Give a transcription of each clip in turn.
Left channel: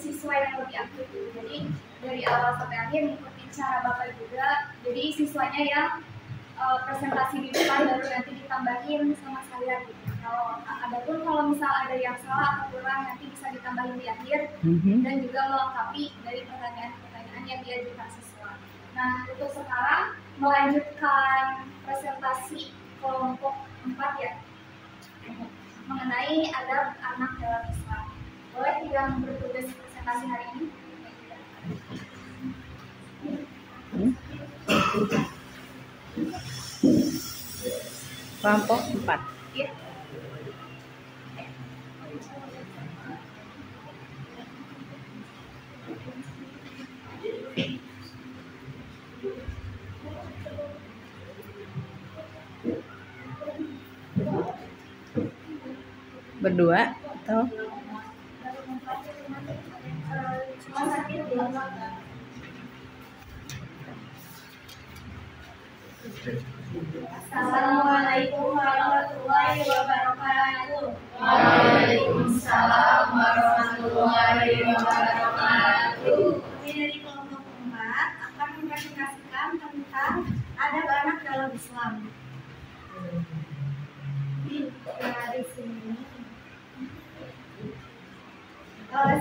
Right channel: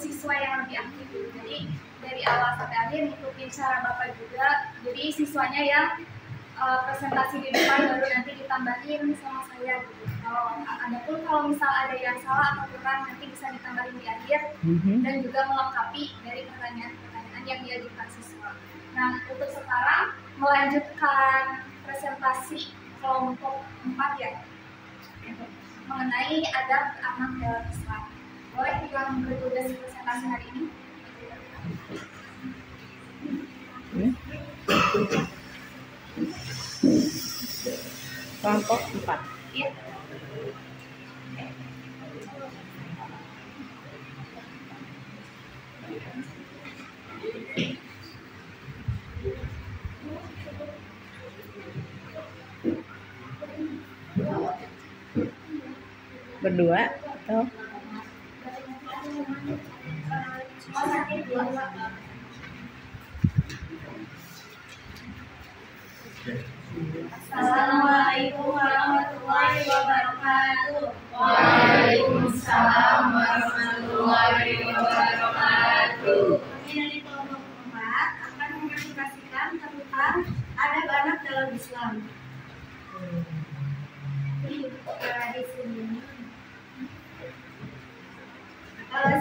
siswa yang lebih aktif gitu. Jadi dari awal sampai akhir ngikutin cara Bapak juga. Jadi siswanya yang presentasi di depan baru nanti ditambahin sama saya gitu. Kalau misal ada yang salah atau kurang nanti bisa ditambahin di akhir dan juga melengkapi dari pertanyaan-pertanyaan yang diajukan siswa. Nah, untuk sekarang melanjutkan presentasi kelompok 4 ya, mengenai adab anak dalam Islam. Boleh yang bertugas presentasi hari ini? Kelompok 4. Iya. Berdua atau? Assalamualaikum warahmatullahi wabarakatuh. Waalaikumsalam warahmatullahi wabarakatuh. Kami dari kelompok 4 akan mempresentasikan tentang adab anak dalam Islam. Nah, di sini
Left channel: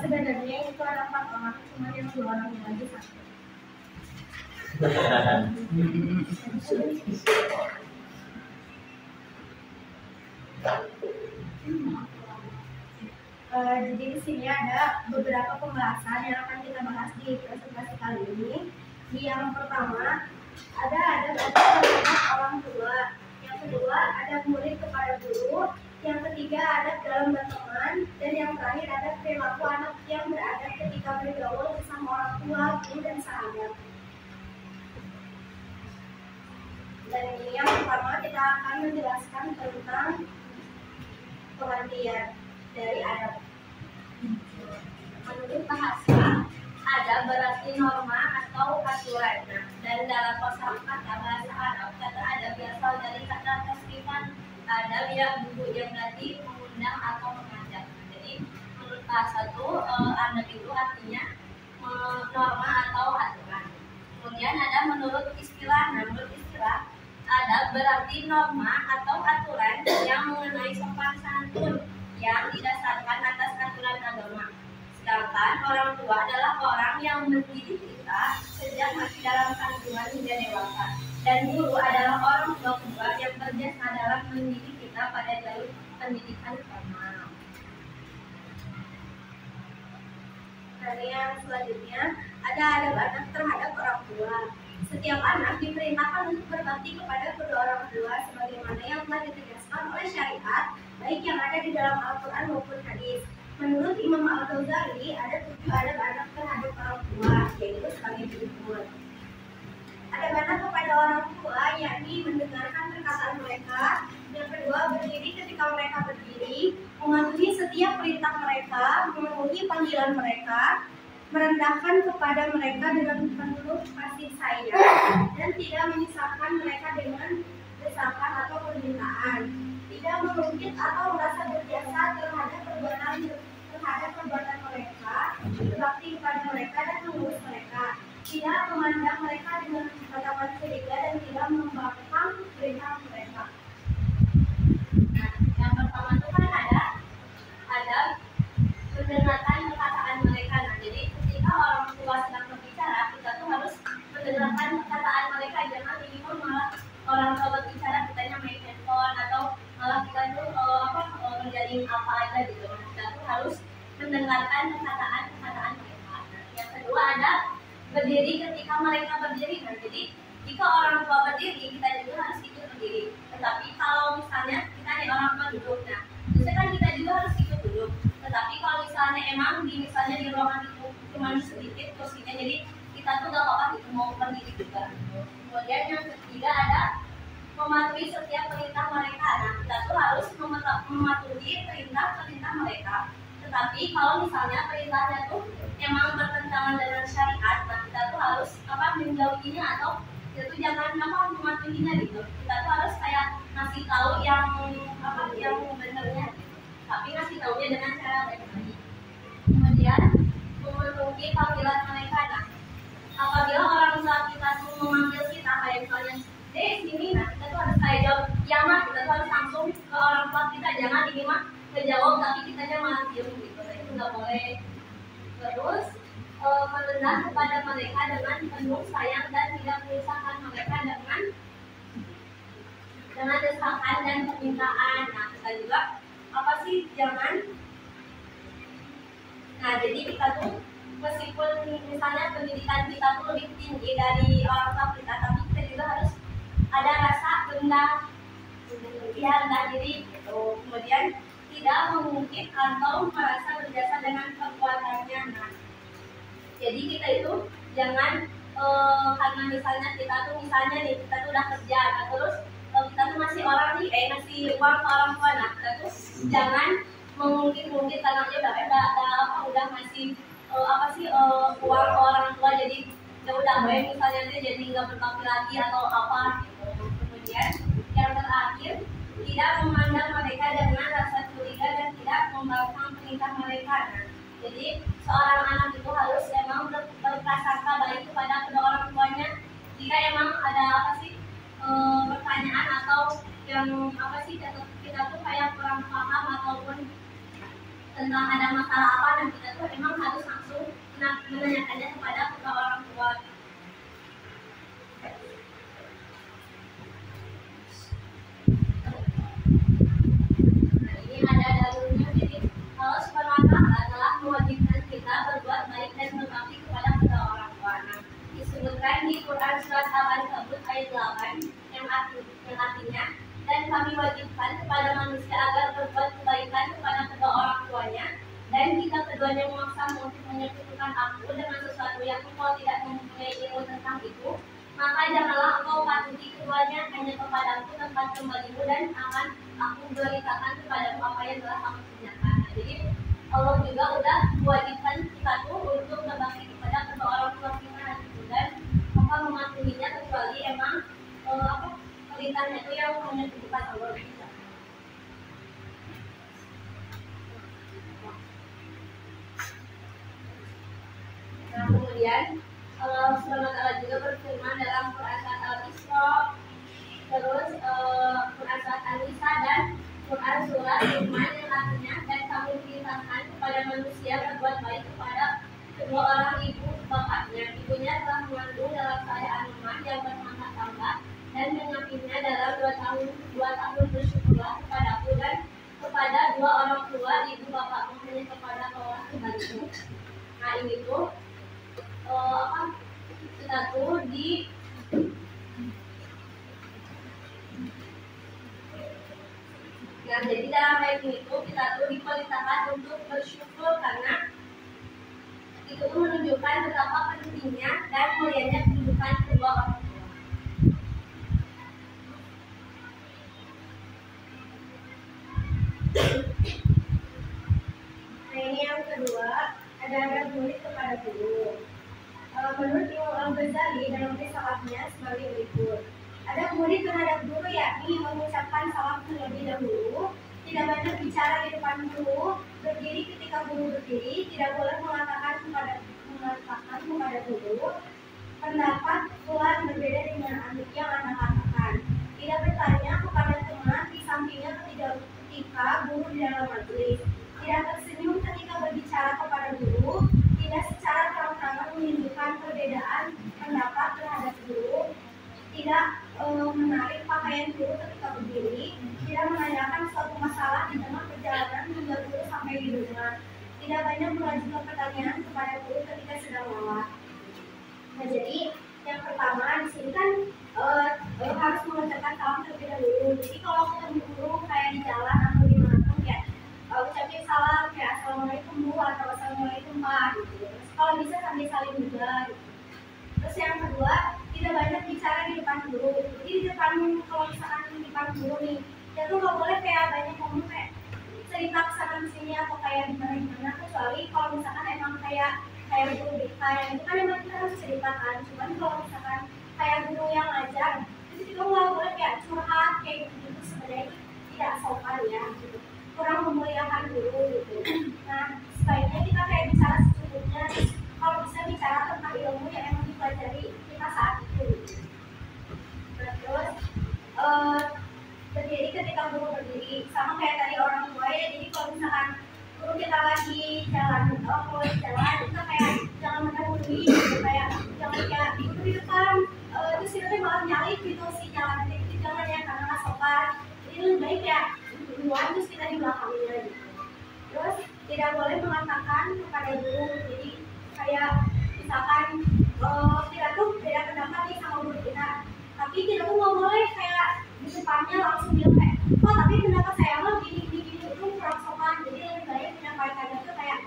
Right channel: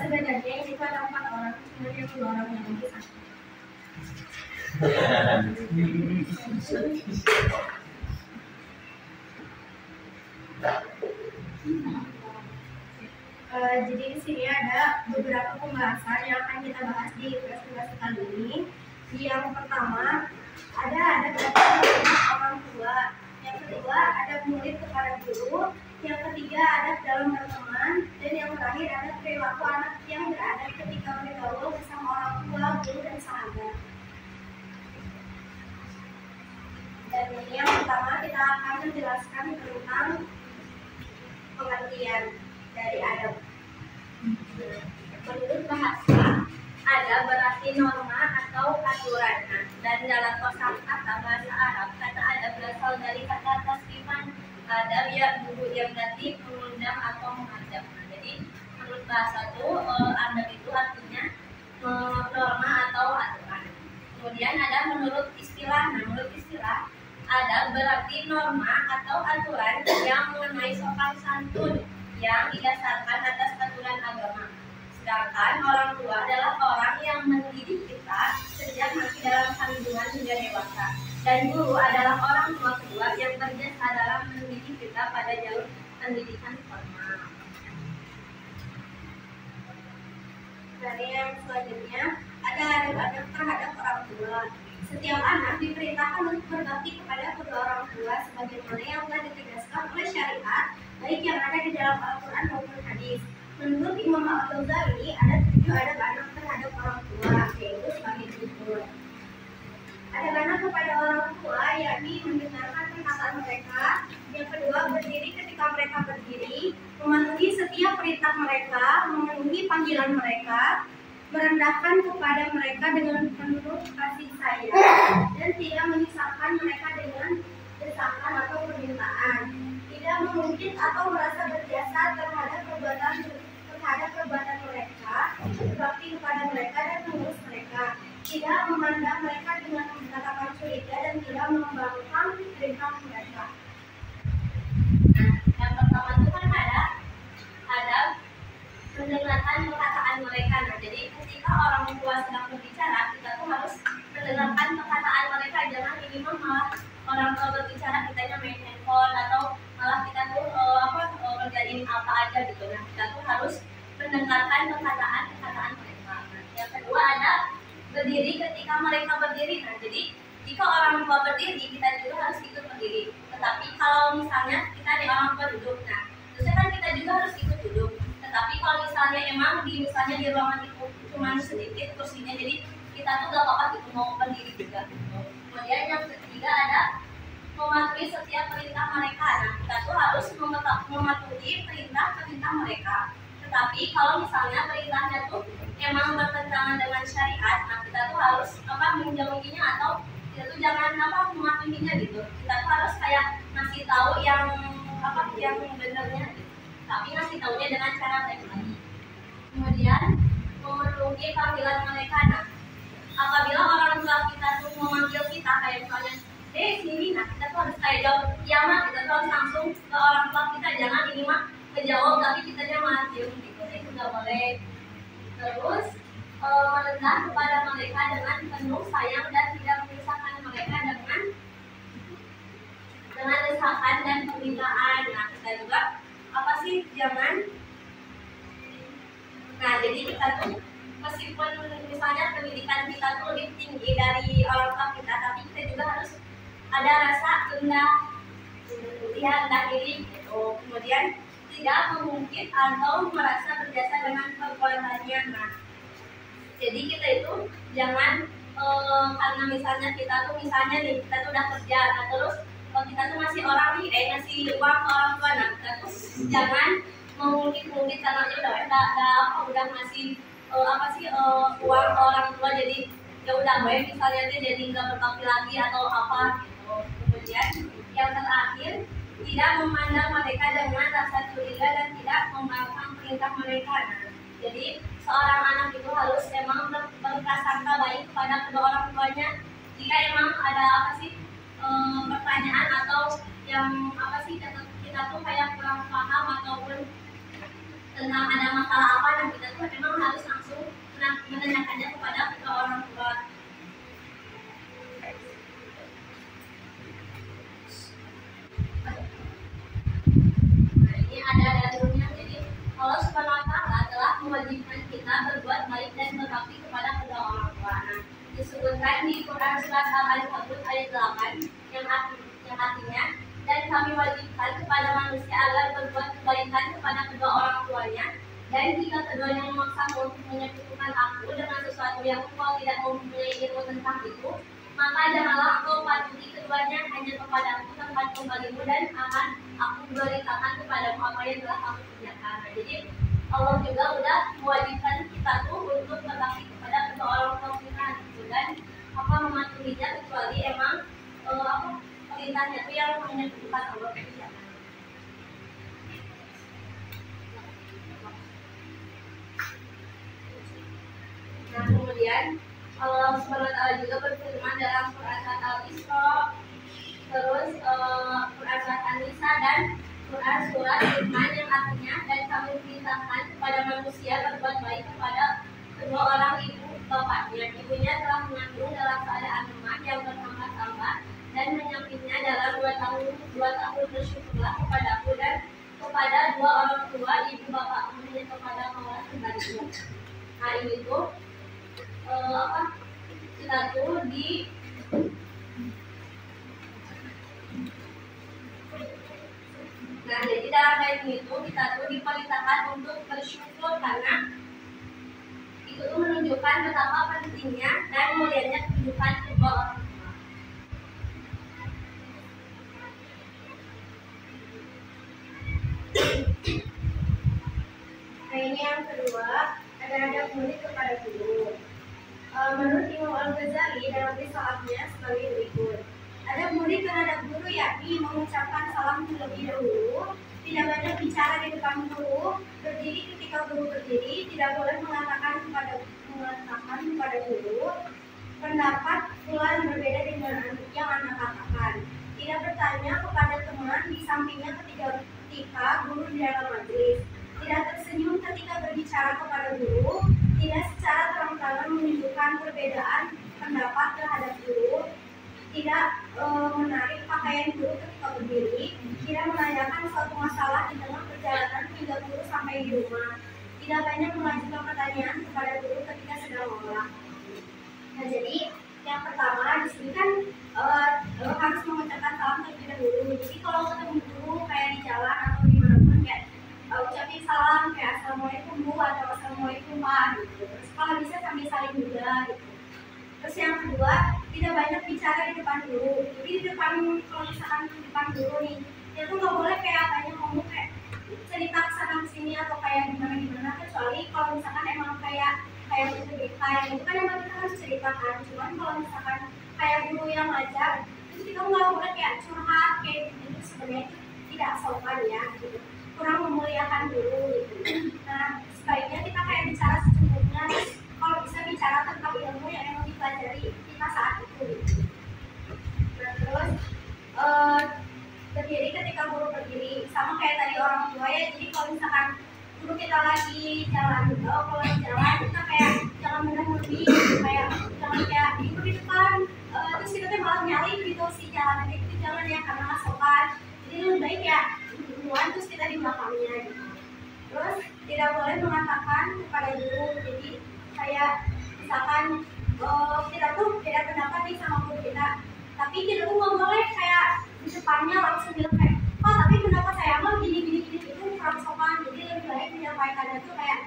sebenarnya itu ada 4 orang, cuma yang 2 orangnya lagi sakit. Jadi di sini ada beberapa pembahasan yang akan kita bahas di presentasi kali ini. Yang pertama ada orang tua, yang kedua ada murid kepada guru, yang ketiga adab dalam berteman, dan yang terakhir ada perilaku anak yang beradab ketika bergaul bersama orang tua, guru, dan sahabat. Dan ini yang pertama kita akan menjelaskan tentang pengertian dari adab. Menurut bahasa, adab berarti norma atau aturan. Dan dalam kosakata bahasa Arab, kata adab berasal dari kata tasrifan adab ya guru yang berarti mengundang atau mengajak. Jadi menurut bahasa itu adab itu artinya norma atau aturan. Kemudian ada menurut istilah. Nah, menurut istilah adab berarti norma atau aturan yang mengenai sopan santun yang didasarkan atas aturan agama. Sedangkan orang tua adalah orang yang mendidik kita sejak masih dalam kandungan hingga dewasa. Dan guru adalah orang tua kedua yang berjasa dalam mendidik kita pada jalur pendidikan formal. Dan yang selanjutnya ada adab anak terhadap orang tua. Setiap anak diperintahkan untuk berbakti kepada kedua orang tua sebagaimana yang telah ditegaskan oleh syariat, baik yang ada di dalam Al-Quran maupun hadis. Menurut Imam Al-Ghazali ada 7 adab anak terhadap orang tua, yaitu sebagai berikut. Adab anak kepada orang tua yakni mendengarkan perkataan mereka. Yang kedua, berdiri ketika mereka berdiri, mematuhi setiap perintah mereka, memenuhi panggilan mereka, merendahkan kepada mereka dengan penuh kasih sayang, dan tidak menyusahkan mereka dengan desakan atau permintaan, tidak mengungkit atau merasa berjasa terhadap perbuatan mereka, berbakti kepada mereka dan mengurus mereka, tidak memandang mereka dengan tatapan curiga dan tidak membangkang perintah mereka. Nah, yang pertama itu kan ada mendengarkan perkataan mereka. Nah, jadi ketika orang tua sedang berbicara, kita tuh harus mendengarkan perkataan mereka. Jangan ini malah orang tua berbicara kitanya main handphone atau malah kita tuh ngerjain apa aja gitu. Nah, kita tuh harus mendengarkan perkataan mereka. Nah, yang kedua ada berdiri ketika mereka berdiri. Nah, jadi jika orang tua berdiri, kita juga harus ikut berdiri. Tetapi kalau misalnya kita ada orang tua duduk, nah terusnya kan kita juga harus ikut duduk. Tetapi kalau misalnya emang misalnya di ruangan itu cuma sedikit kursinya, jadi kita tuh gak apa-apa gitu mau berdiri juga. Kemudian yang ketiga ada mematuhi setiap perintah mereka. Nah, kita tuh harus mematuhi perintah mereka. Tetapi kalau misalnya perintahnya tuh emang bertentangan dengan syariat, nah kita tuh harus menjauhinya atau kita tuh jangan mematuhinya gitu. Kita tuh harus kayak ngasih tahu yang benernya gitu. Tapi ngasih taunya dengan cara baik-baik. Kemudian menunggu panggilan mereka. Nah, apabila orang tua kita tuh memanggil kita kayak misalnya, "Dek, sini," nah kita tuh harus kayak jawab, "Ya Mak," kita tuh harus langsung ke orang tua kita, jangan ini mah ngejawab tapi kitanya malah diem gitu. Nah, itu nggak boleh. Terus merendah kepada mereka dengan penuh sayang dan tidak memisahkan mereka dengan desakan dan permintaan. Nah, kita juga apa sih, jangan. Nah, jadi kita tuh meskipun misalnya pendidikan kita tuh lebih tinggi dari orang tua kita, tapi kita juga harus ada rasa rendah diri gitu. Kemudian tidak mengungkit atau merasa berjasa dengan perbuatannya. Nah, jadi kita itu jangan karena misalnya kita tuh udah kerja, nah terus kita tuh masih ngasih uang ke orang tua, nah kita tuh jangan mengungkit karena udah ngasih uang ke orang tua, jadi ya udah misalnya dia jadi nggak berbakti lagi atau apa gitu. Kemudian yang terakhir, tidak memandang mereka dengan rasa curiga dan tidak membangkang perintah mereka. Nah, jadi seorang anak itu harus emang berprasangka baik kepada kedua orang tuanya. Jika emang ada pertanyaan atau yang kita tuh kayak kurang paham ataupun tentang ada masalah apa, dan kita tuh emang harus langsung menanyakannya kepada kedua orang tua. Nah, ini ada dalilnya. Jadi Allah Subhanahu wa Ta'ala telah mewajibkan kita berbuat baik dan berbakti kepada kedua orang tua. Nah, disebutkan di Quran surat Al-Ankabut ayat 8 yang artinya, "Dan kami wajibkan kepada manusia agar berbuat kebaikan kepada kedua orang tuanya, dan jika keduanya memaksamu untuk menyekutukan aku dengan sesuatu yang engkau tidak mempunyai ilmu tentang itu, maka janganlah engkau patuhi keduanya, hanya kepadaku tempat kembalimu, dan akan aku beritakan kepadamu apa yang telah kamu kerjakan." Nah, jadi Allah juga udah mewajibkan kita tuh untuk berbakti kepada kedua orang tua kita gitu, dan mematuhinya kecuali emang perintahnya itu yang menyebutkan Allah tidak. Nah, kemudian Allah Subhanahu wa Ta'ala juga berfirman dalam Quran surat Al-Isra, terus Quran surat An-Nisa, dan Quran surat Luqman yang artinya, "Dan kami perintahkan kepada manusia berbuat baik kepada kedua orang ibu bapaknya. Ibunya telah mengandung dalam keadaan lemah yang bertambah-tambah, dan menyapitnya dalam 2 tahun bersyukurlah kepadaku dan kepada dua orang tua ibu bapakmu, hanya kepada kaulah kembalimu." Nah, ini tuh kita tuh Nah, jadi dalam ayat ini tuh kita tuh diperintahkan untuk bersyukur karena itu tuh menunjukkan betapa pentingnya dan mulianya kehidupan kedua orang tua. Nah, ini yang kedua, ada adab murid kepada guru. Menurut Imam Al-Ghazali dalam risalahnya sebagai berikut. Adab murid terhadap guru yakni mengucapkan salam terlebih dahulu, tidak banyak bicara di depan guru, berdiri ketika guru berdiri, tidak boleh mengatakan kepada guru pendapat fulan berbeda dengan yang Anda katakan, tidak bertanya kepada teman di sampingnya ketika guru di dalam majelis, tidak tersenyum ketika berbicara kepada guru, tidak secara terang-terangan menunjukkan perbedaan pendapat terhadap guru, tidak menarik pakaian guru ketika berdiri, tidak menanyakan suatu masalah di tengah perjalanan hingga guru sampai di rumah, tidak banyak mengajukan pertanyaan kepada guru ketika sedang lelah. Nah, jadi yang pertama di sini kan harus mengucapkan salam terlebih dahulu. Jadi kalau ketemu guru kayak di jalan atau di mana pun kayak ucapin salam kayak "Assalamualaikum Bu" atau "Assalamualaikum Pak" gitu. Terus kalau bisa sambil saling juga gitu. Terus yang kedua, tidak banyak bicara di depan guru. Jadi kalau misalkan di depan guru nih, ya tuh nggak boleh kayak banyak ngomong kayak cerita kesana kesini atau kayak gimana, kecuali kalau misalkan emang kayak guru BK yang itu kan emang kita harus ceritakan. Cuman kalau misalkan kayak guru yang ngajar, terus kita nggak boleh kayak curhat kayak gitu, sebenarnya itu tidak sopan ya gitu, kurang memuliakan guru gitu. Nah, sebaiknya kita kayak bicara secukupnya, kita lagi jalan gitu, kalau jalan kita kayak jangan mendahului gitu, kayak jangan kayak duduk di depan terus kita tuh malah nyalip gitu si jalan itu, jangan ya, karena nggak sopan. Jadi lebih baik ya duluan terus kita di belakangnya gitu. Terus tidak boleh mengatakan kepada guru, jadi kayak misalkan kita tuh beda pendapat nih sama guru kita, tapi kita tuh nggak boleh kayak di depannya langsung bilang kayak, oh tapi pendapat saya mah gini gini gini, itu kurang sopan. Jadi lebih baik menyampaikannya tuh kayak,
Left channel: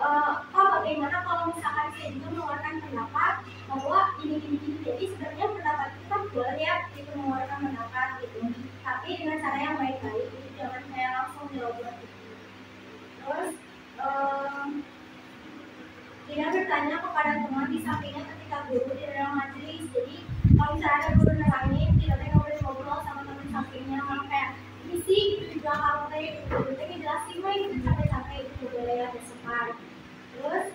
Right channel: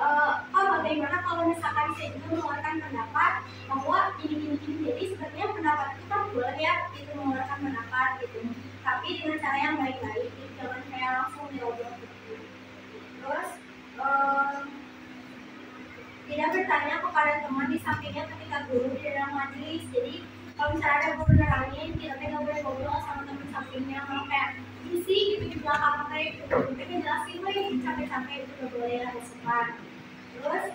oh bagaimana kalau misalkan saya juga mengeluarkan pendapat bahwa gini gini gini. Jadi sebenarnya pendapat kita boleh ya itu mengeluarkan pendapat gitu, tapi dengan cara yang baik-baik, jangan kayak langsung dirobot gitu. Terus tidak bertanya kepada teman di sampingnya ketika guru di dalam majelis. Jadi kalau misalnya ada guru nerangin, kita nggak boleh ngobrol sama teman sampingnya, malah kayak isi gitu di belakang kayak gitu, kita jelasin gitu capek-capek, itu nggak boleh, ada sopan. Terus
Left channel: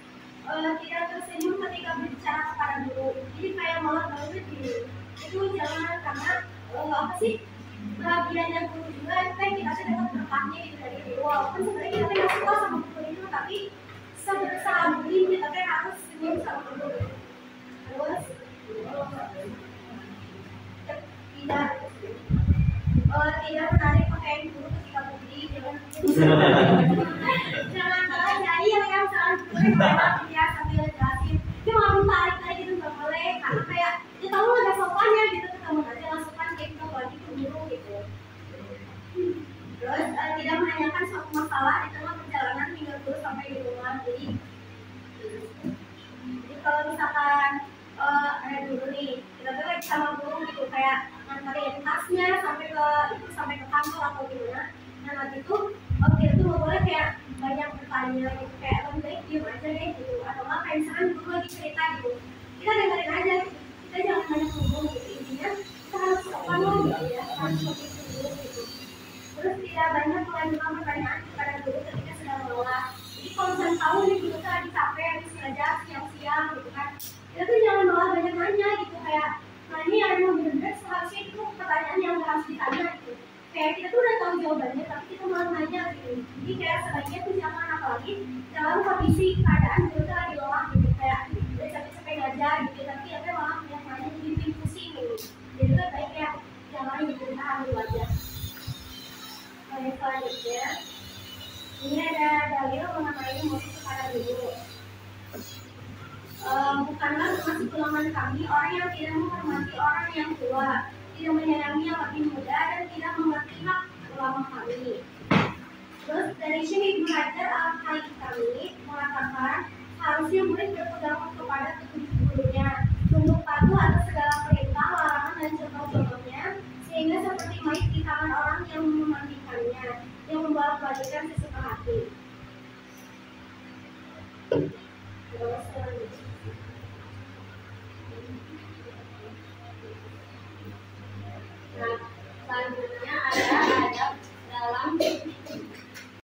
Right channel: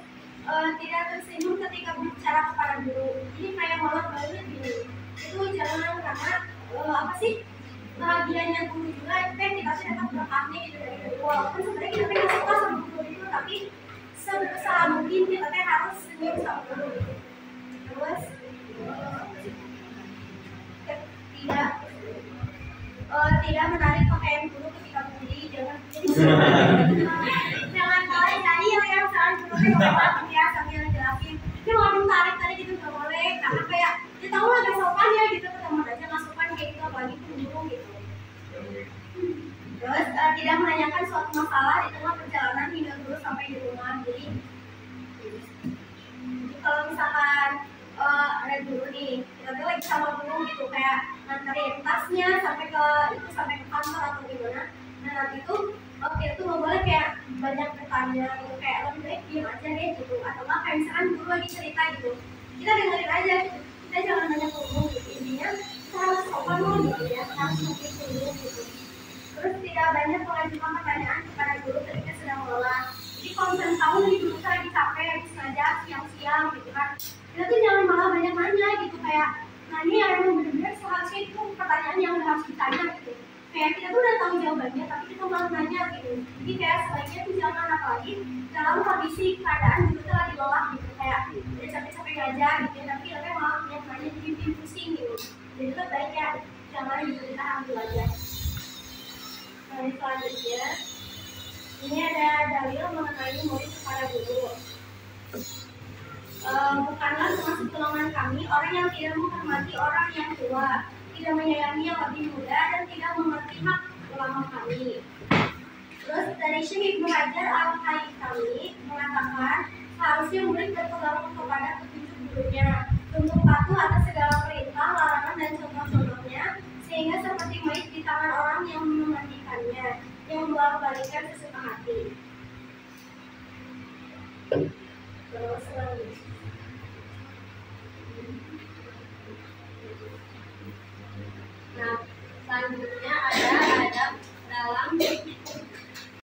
tidak tersenyum ketika berbicara kepada guru. Ini kayak malah banget gini, itu jangan, karena apa sih, bahagianya guru juga itu kan kita sih dapat berkahnya gitu dari guru. Walaupun sebenarnya kita nggak suka sama guru itu, tapi seberusaha mungkin kita kan harus senyum sama guru. Terus tidak menarik pakaian guru ketika berdiri, jangan jangan salah nyari yang salah guru kan ya sambil jelasin dia mau tarik tadi gitu, nggak boleh, karena kayak dia tahu lah gak sopan ya gitu, ketemu aja nggak sopan kayak gitu, apalagi ke guru gitu. Terus tidak menanyakan suatu masalah di tengah perjalanan hingga guru sampai di rumah. Jadi kalau misalkan ada guru nih, kita tuh lagi sama guru gitu, kayak nganterin tasnya sampai ke kantor atau gimana. Nah nanti tuh kita tuh nggak boleh kayak banyak bertanya gitu, kayak lebih baik diem aja deh gitu, atau nggak kayak misalkan guru lagi cerita gitu, kita dengerin aja gitu, kita jangan banyak ngomong gitu. Intinya kita harus sopan loh gitu ya, harus sopan dulu gitu. Terus tidak banyak mengajukan pertanyaan kepada guru ketika sedang mengolah. Jadi kalau misalnya tahu nih guru tuh lagi capek, habis ngajar siang-siang gitu kan, kita tuh jangan malah banyak nanya gitu, kayak nanya yang emang bener-bener seharusnya itu pertanyaan yang udah harus ditanya gitu. Kayak kita tuh udah tahu jawabannya, tapi kita malah nanya gitu. Jadi kayak sebaiknya tuh jangan, apalagi dalam kondisi keadaan guru tuh lagi lelah gitu, kayak udah capek-capek ngajar gitu, tapi malah banyak nanya, jadi bikin pusing gitu. Jadi lebih baik ya jangan gitu, ditahan dulu aja. Selanjutnya ini ada dalil mengenai murid kepada guru. Bukanlah termasuk golongan kami orang yang tidak menghormati orang yang tua, tidak menyayangi yang lebih muda, dan tidak mengerti hak ulama kami. Terus dari Syekh Ibnu Hajar Al-Haytami mengatakan harusnya murid berpegang kepada petunjuk gurunya, tunduk patuh atas segala perintah, larangan, dan contoh-contohnya, sehingga seperti mait di tangan orang yang memandikannya, yang membolak-balikkan sesuka hati. Terus selanjutnya ada adab dalam